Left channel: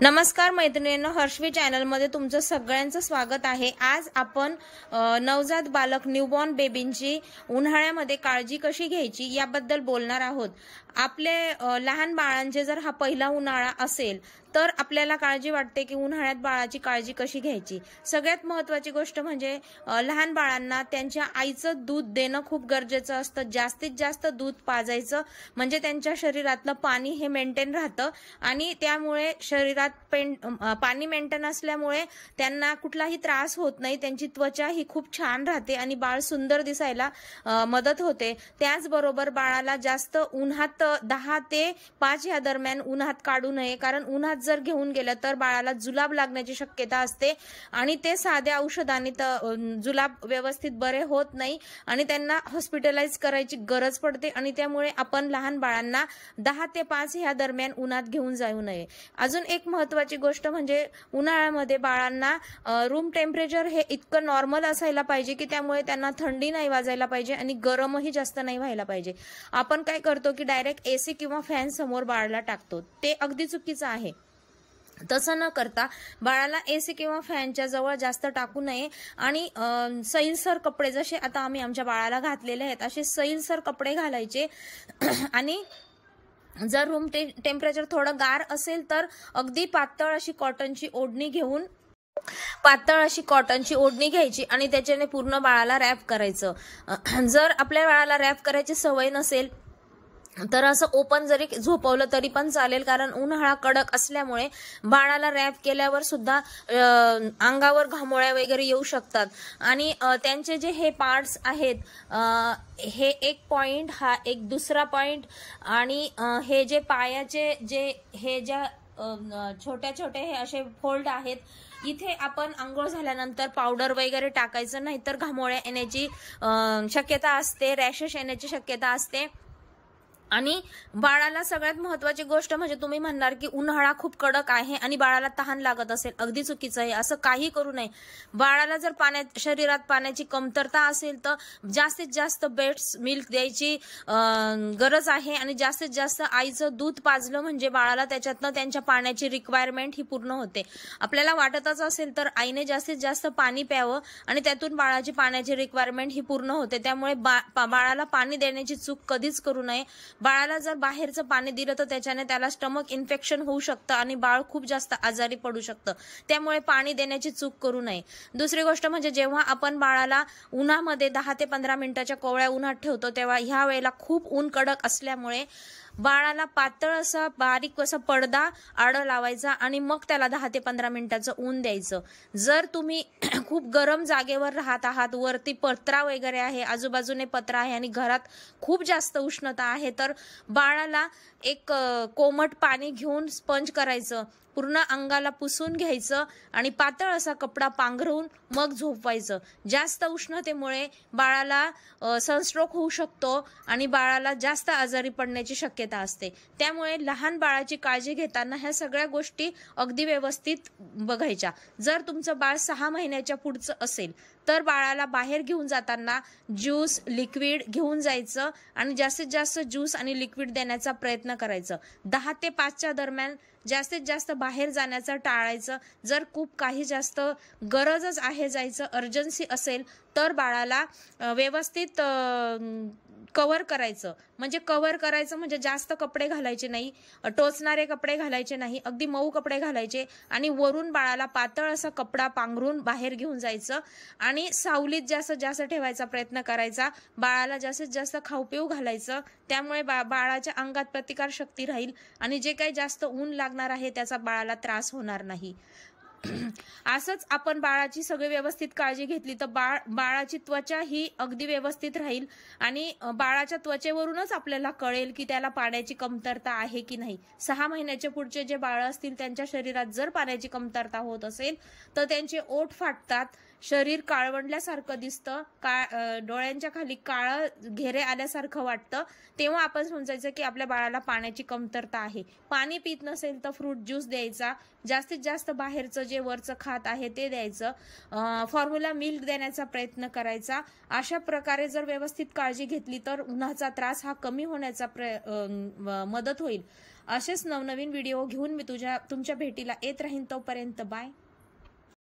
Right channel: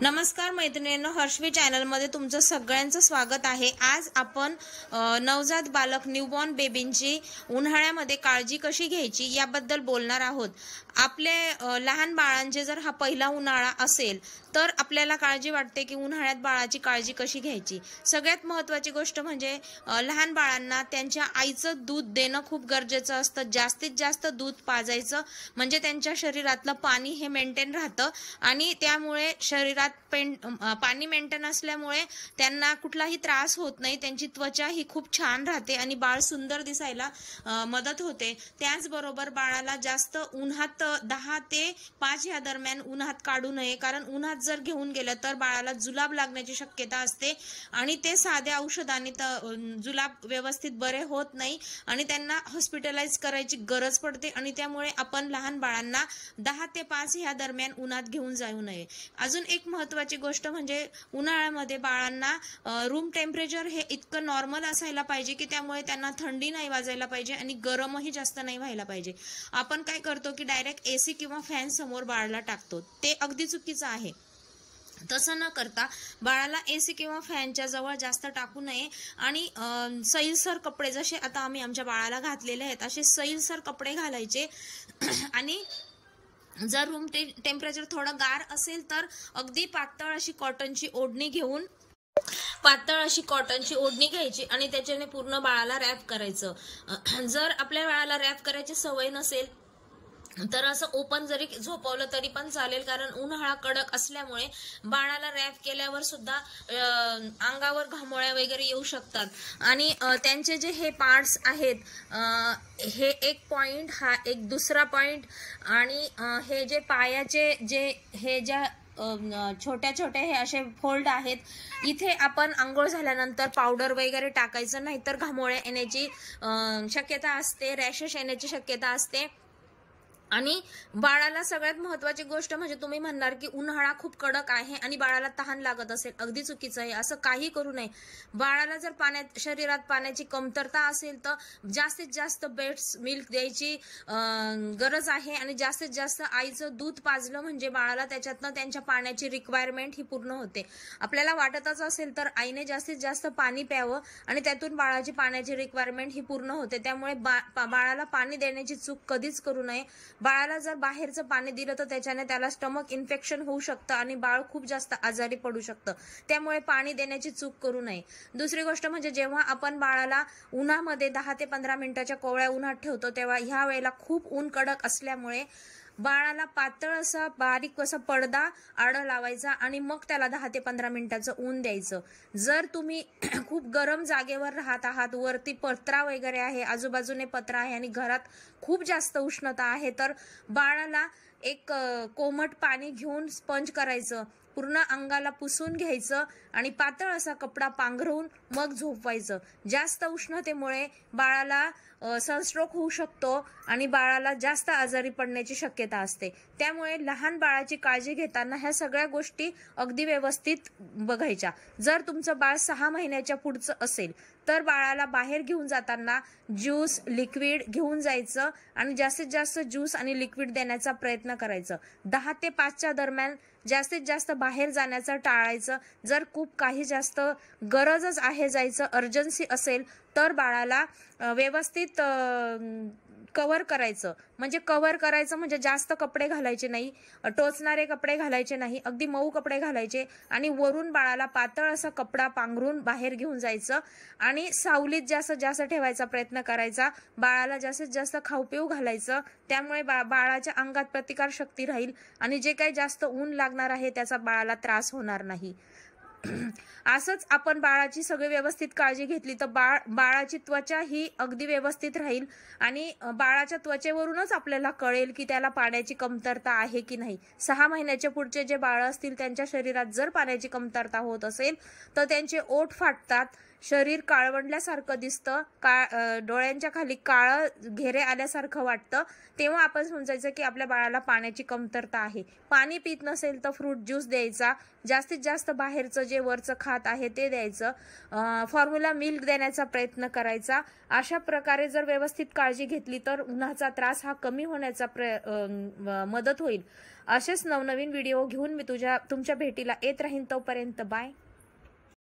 नमस्कार मैत्रिणींनो, हर्षवी चॅनलमध्ये तुमचं सगळ्यांचं स्वागत आहे। आज आपण नवजात बालक न्यूबॉर्न बेबींची उन्हाळ्यामध्ये काळजी कशी घ्यायची याबद्दल बोलणार आहोत। आपले लहान बाळांचे जर हा पहिला उन्हाळा असेल तर आपल्याला काळजी वाटते की उन्हाळ्यात बाळाची काळजी कशी घ्यायची। सगळ्यात महत्त्वाची गोष्ट म्हणजे लहान बाळांना त्यांच्या आईचं दूध देणं खूप गरजेचं असतं। जास्तीत जास्त दूध पाजायचं म्हणजे त्यांच्या शरीरातलं पाणी हे मेंटेन राहतं आणि त्यामुळे शरीरात पाणी मेंटेन असल्यामुळे त्यांना कुठलाही त्रास होत नाही, त्यांची त्वचा ही खूप छान राहते आणि बाळ सुंदर दिसायला मदत होते। त्याचबरोबर बाळाला जास्त उन्हात 10 ते 5 या दरम्यान उन्हात काढू नये, कारण उन्हात जर घेऊन गेलं तर बाळाला जुलाब लागण्याची शक्यता असते आणि ते साध्या औषधाने जुलाब व्यवस्थित बरे होत नाही आणि त्यांना हॉस्पिटलाइज करायची गरज पडते आणि त्यामुळे आपण लहान बाळांना 10 ते 5 या दरम्यान उन्हात घेऊन जाऊ नये। अजून एक महत्त्वाची गोष्ट म्हणजे उन्हाळ्यामध्ये बाळांना रूम टेम्परेचर हे इतकं नॉर्मल असायला पाहिजे की त्यामुळे त्यांना थंडी नाही वाजायला पाहिजे आणि गरमही जास्त नाही व्हायला पाहिजे। आपण काय करतो की डायरेक्ट एसी किंवा फॅन समोर बाळाला टाकतो, ते अगदी चुकीचं आहे। तसं न करता बाळाला एसी किंवा फॅनच्या जवळ जास्त टाकू नये आणि सैलसर कपडे, जसे आता आम्ही आमच्या बाळाला घातलेले आहेत असे सैलसर कपडे घालायचे आणि जर रूम टेम्परेचर थोडं गार असेल तर अगदी पातळ अशी कॉटनची ओढणी घ्यायची आणि त्याच्याने पूर्ण बाळाला रॅप करायचं। जर आपल्या बाळाला रॅप करायची सवय नसेल तर असं ओपन जरी झोपवलं तरी पण चालेल, कारण उन्हाळा कडक असल्यामुळे बाळाला रॅप केल्यावर सुद्धा अंगावर घामोळ्या वगैरे येऊ शकतात आणि त्यांचे जे हे पार्ट्स आहेत, हे एक पॉइंट, हा एक दुसरा पॉइंट आणि हे जे पायाचे ज्या छोट्या छोट्या हे असे फोल्ड आहेत, इथे आपण आंघोळ झाल्यानंतर पावडर वगैरे टाकायचं नाही तर घामोळ्या येण्याची शक्यता असते, रॅशेस येण्याची शक्यता असते। आणि बाळाला सगळ्यात महत्त्वाची गोष्ट म्हणजे तुम्ही म्हणणार की उन्हाळा खूप कडक आहे आणि बाळाला तहान लागत असेल, अगदी चुकीचं आहे। असं काही करू नये। बाळाला जर शरीरात पाण्याची कमतरता असेल तर जास्तीत जास्त ब्रेस्ट मिल्क द्यायची गरज आहे आणि जास्तीत जास्त आईचं दूध पाजलं म्हणजे बाळाला त्याच्यातनं त्यांच्या पाण्याची रिक्वायरमेंट ही पूर्ण होते। आपल्याला वाटतच असेल तर आईने जास्तीत जास्त पाणी प्यावं आणि त्यातून बाळाची पाण्याची रिक्वायरमेंट ही पूर्ण होते। त्यामुळे बाळाला पाणी देण्याची चूक कधीच करू नये। बाळाला जर बाहेरचं पाणी दिलं तर त्याच्याने त्याला स्टमक इन्फेक्शन होऊ शकतं आणि बाळ खूप जास्त आजारी पडू शकतं, त्यामुळे पाणी देण्याची चूक करू नये। दुसरी गोष्ट म्हणजे जेव्हा आपण बाळाला उन्हामध्ये 10 ते 15 मिनिटाच्या कोवळ्या उन्हात ठेवतो तेव्हा ह्या वेळेला खूप ऊन कडक असल्यामुळे बाळाला पातळ असा बारीक असा पडदा आड लावायचा आणि मग त्याला 10 ते 15 मिनिटाचं ऊन द्यायचं। जर तुम्ही खूप गरम जागेवर राहत आहात, वरती पत्रा वगैरे आहे, आजूबाजूने पत्रा आहे आणि घरात खूप जास्त उष्णता आहे, तर बाळाला एक कोमट पाणी घेऊन स्पंज करायचं, पूर्ण अंगाला पुसून घ्यायचं आणि पातळ असा कपडा पांघरून मग झोपवायचं। जास्त उष्णतेमुळे बाळाला सनस्ट्रोक होऊ शकतो आणि बाळाला जास्त आजारी पडण्याची शक्यता असते। त्यामुळे लहान बाळाची काळजी घेताना ह्या सगळ्या गोष्टी अगदी व्यवस्थित बघायच्या। जर तुमचं बाळ 6 महिन्याच्या पुढचं असेल तर बाळाला बाहेर घेऊन जाताना ज्यूस, लिक्विड घेऊन जायचं आणि जास्तीत जास्त ज्यूस आणि लिक्विड देण्याचा प्रयत्न करायचं। 10 ते 5च्या दरम्यान जास्तीत जास्त बाहेर जाण्याचं टाळायचं। जर खूप काही जास्त गरजच आहे जायचं, अर्जन्सी असेल तर बाळाला व्यवस्थित कव्हर करायचं म्हणजे जास्त कपडे घालायचे नाही, टोचणारे कपडे घालायचे नाही, अगदी मऊ कपडे घालायचे आणि वरून बाळाला पातळ असा कपडा पांघरून बाहेर घेऊन जायचं आणि सावलीत जास्तीत जास्त ठेवायचा प्रयत्न करायचा। बाळाला जास्तीत जास्त खाऊ पिऊ घालायचं, त्यामुळे बाळाच्या अंगात प्रतिकार शक्ती राहील आणि जे काही जास्त ऊन लागणार आहे त्याचा बाळाला त्रास होणार नाही। असंच आपण बाळाची सगळी व्यवस्थित काळजी घेतली तर बाळाची त्वचा ही अगदी व्यवस्थित राहील आणि बाळाच्या त्वचेवरूनच आपल्याला कळेल की त्याला पाण्याची कमतरता आहे की नाही। 6 महिन्याच्या पुढचे जे बाळ असतील त्यांच्या शरीरात जर पाण्याची कमतरता होत असेल तर त्यांचे ओठ फाटतात, शरीर काळवंडल्यासारखं दिसतं, डोळ्यांच्या खाली काळं घेरे आल्यासारखं वाटतं, तेव्हा आपण समजायचं की आपल्या बाळाला पाण्याची कमतरता आहे. पाणी पित नसेल तर फ्रूट ज्यूस द्यायचा, जास्तीत जास्त बाहेरचं जे वरचं खात आहे ते द्यायचं, फॉर्म्युला मिल्क देण्याचा प्रयत्न करायचा. अशा प्रकारे जर व्यवस्थित काळजी घेतली तर उन्हाचा त्रास हा कमी होण्याचा मदत होईल. असेच नवनवीन व्हिडिओ घेऊन मी तुमच्या भेटीला येत राहीन. तोपर्यंत बाय.